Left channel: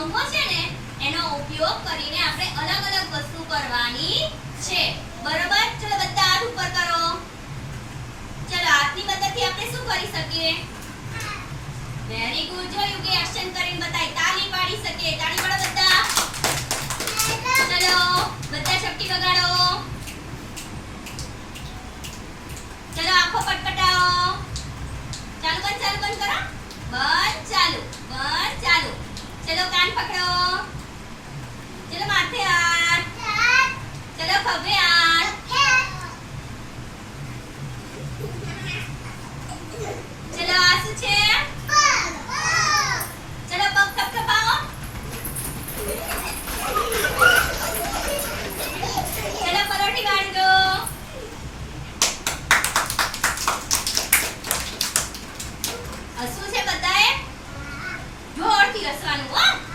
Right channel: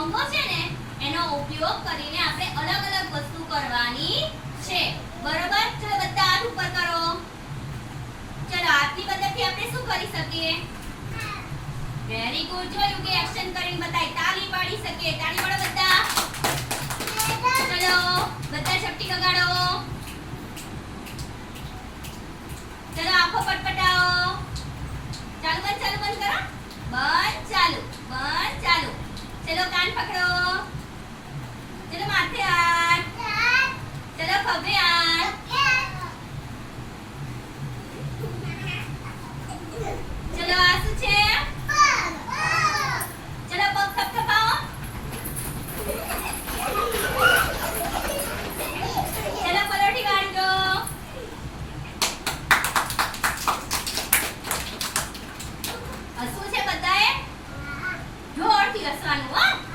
અંગો છે ને, એનો ઉપયોગ કરીને આપણે અલગ અલગ વસ્તુ કરવાની છે. બરોબર? ચલો બધા હાથ ઉપર કરો. ચલો, હાથની મદદથી આપણે શું કરી શકીએ? વેરી ગુડ જોયું કે એક્શન કરીને બતાય, તાલી પાડી શકીએ. તાળી પાડો બધા? ચલો, બધા ચપટી વગાડો ચલો, આંખો પટપટાવો ચાલુ બંધ ચાલુ બંધ કરો બંધ ચાલુ બંધ ચાલુ ચલો કાન પકડો ચલો માથે હાથ ચલો ખભે હાથ Tira sua sign ar?